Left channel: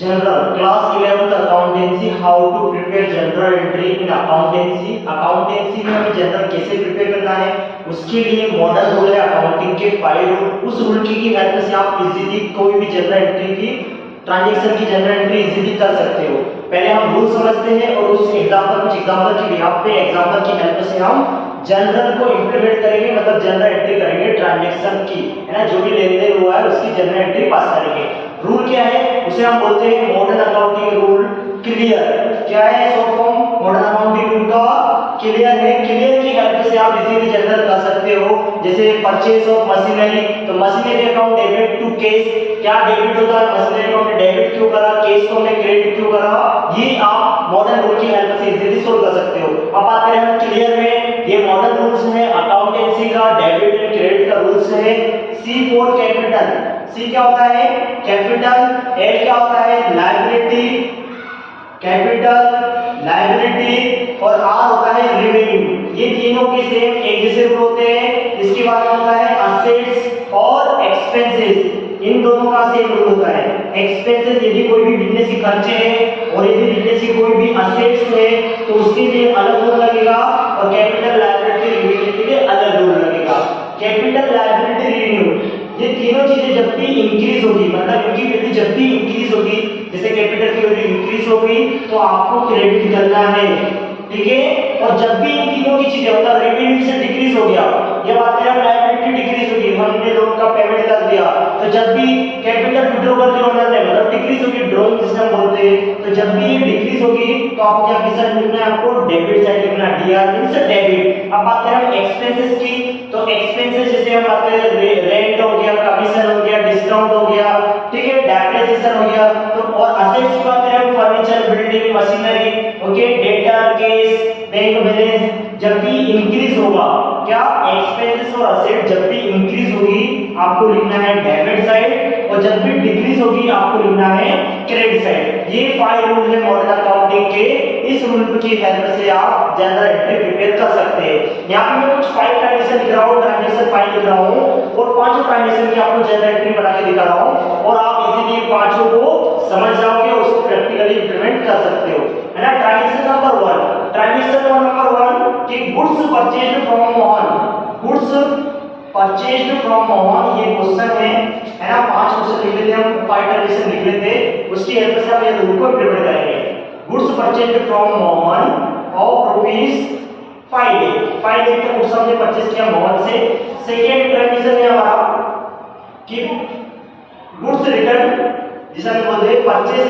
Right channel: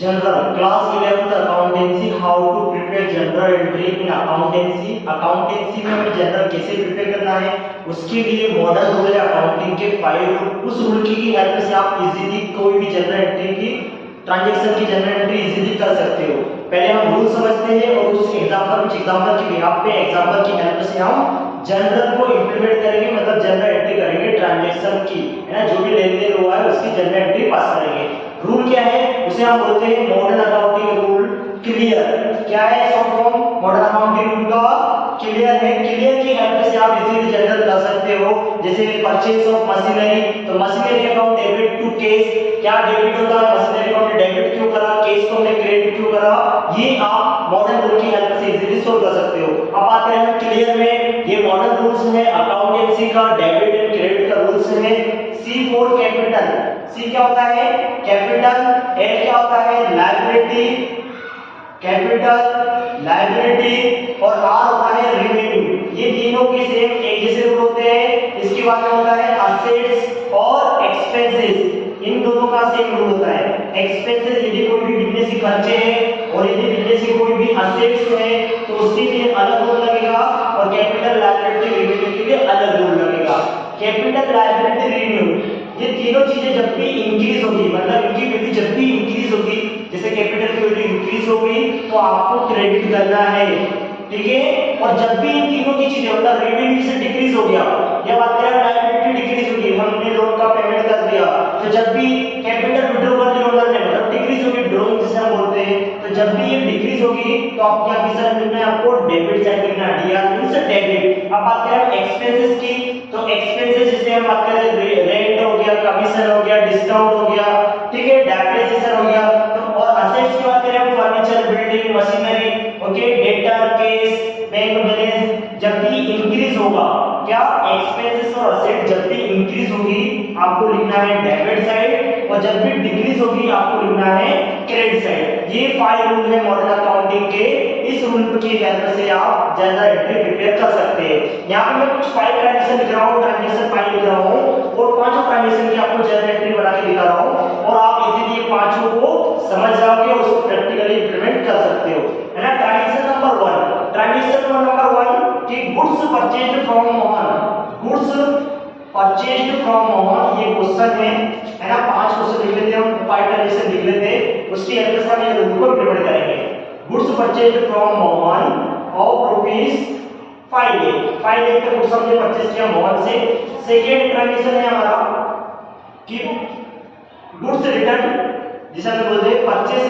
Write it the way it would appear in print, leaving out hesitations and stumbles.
General class 11th accountancy how to prepare journal entry in accountancy. Accountancy में हमें general कैसे prepare करना है, उसके लिए मॉडल रूल है अकाउंटिंग के 5 रूल। उस रूल की हेल्प से आप इजीली कोई भी जनरल एंट्री की ट्रांजैक्शन की जनरल एंट्री इजीली कर सकते हो। पहले हम रूल समझते हैं और उस एग्जांपल कुछ एग्जांपल की बिहाफ पे एग्जांपल की हेल्प से हम जनरल को इंप्लीमेंट करेंगे, मतलब जनरल एंट्री करेंगे ट्रांजैक्शन की, है ना, जो भी लेन देन हुआ है उसकी जनरल एंट्री पास करेंगे। रूल क्या है, उसे हम बोलते हैं मॉडर्न अकाउंटिंग रूल क्लियर। क्या है short form modern accounting rule का? क्लियर है। क्लियर की हेल्प से आप इजीली जनरल कर सकते हो। जैसे परचेज ऑफ मशीनरी, तो machinery account debit to cash, क्या डेबिट होता है मशीनरी अकाउंट डेबिट क्यों करा, कैश को हमने क्रेडिट क्यों करा, ये आप मॉडर्न रूल की हेल्प से इजीली सोल्व कर सकते हो। अब बात करें हम क्लियर में, ये मॉडर्न रूल्स है अकाउंटेंसी का, डेबिट एंड क्रेडिट का रूल्स है। सी फॉर कैपिटल, सी क्या होता है कैपिटल, एल क्या होता है लायबिलिटी, कैपिटल लायबिलिटी, और आर होता है रेवेन्यू। ये तीनों के सेम एक जैसे रूल होते हैं। इसके बाद में होता है असेट्स और एक्सपेंसेस, इन दोनों का सेम रूल होता है। एक्सपेंसेस यदि कोई भी बिजनेस के खर्चे हैं और यदि बिजनेस के कोई भी असेट्स है तो उसके लिए अलग रूल लगेगा, और कैपिटल लायबिलिटी रेवेन्यू के लिए अलग रूल लगेगा। कैपिटल लायबिलिटी रेवेन्यू ये तीनों चीजें जब भी इंक्रीज होगी, मतलब इनकी वैल्यू जब भी इंक्रीज होगी, जैसे कैपिटल की वैल्यू इंक्रीज हो गई तो आपको क्रेडिट करना है, ठीक है। और जब भी इन तीनों की चीजें मतलब रेवेन्यू से डिक्रीज हो गया या बात करें लायबिलिटी डिक्रीज होगी, हमने लोन का पेमेंट कर दिया, तो जब भी कैपिटल विड्रॉ कर दिया ओनर ने, मतलब डिक्रीज होगी ड्रॉइंग जिसे हम बोलते हैं, तो जब भी ये डिक्रीज होगी तो आपको क्या किस साइड लिखना है, आपको डेबिट साइड लिखना है, डीआर मींस डेबिट। अब बात करें एक्सपेंसेस की, तो एक्सपेंसेस जैसे हम बात करें रेंट हो गया, कमीशन हो गया, डिस्काउंट हो गया, ठीक है, डेप्रिसिएशन हो गया। तो और असेट्स की बात करें furniture, building, machinery, okay, debtor, cash, bank balance, जब भी इंक्रीज होगा क्या एक्सपेंसेस और असेट जब भी इंक्रीज होगी आपको लिखना है डेबिट साइड, और जब भी डिक्रीज होगी आपको लिखना है क्रेडिट साइड। ये 5 रूल है मॉडर्न अकाउंटिंग के। इस रूल की हेल्प से आप जनरल एंट्री प्रिपेयर कर सकते हैं। यहाँ पे मैं कुछ 5 ट्रांजैक्शन लिख रहा हूँ, ट्रांजैक्शन 5 लिख रहा हूँ, और 5 ट्रांजैक्शन की आपको जनरल एंट्री बना के दिखा रहा हूँ, और आप इजीली 5 को समझ जाओगे और उसको प्रैक्टिकली इंप्लीमेंट कर सकते हो, है ना। ट्रांजैक्शन नंबर 1, ट्रांजैक्शन नंबर 1 कि goods purchased from Mohan, goods purchased from Mohan, ये क्वेश्चन है ना। 5 क्वेश्चन लिख लेते हैं हम, 5 ट्रांजैक्शन लिख लेते हैं, उसकी हेल्प से हम ये रूल को इंप्लीमेंट करेंगे। Goods purchased from Mohan of rupees 5 lakh का गुड्स हमने परचेज किया मोहन से। सेकेंड ट्रांजैक्शन है हमारा कि गुड्स रिटर्न, जिसे हम बोलते हैं परचेज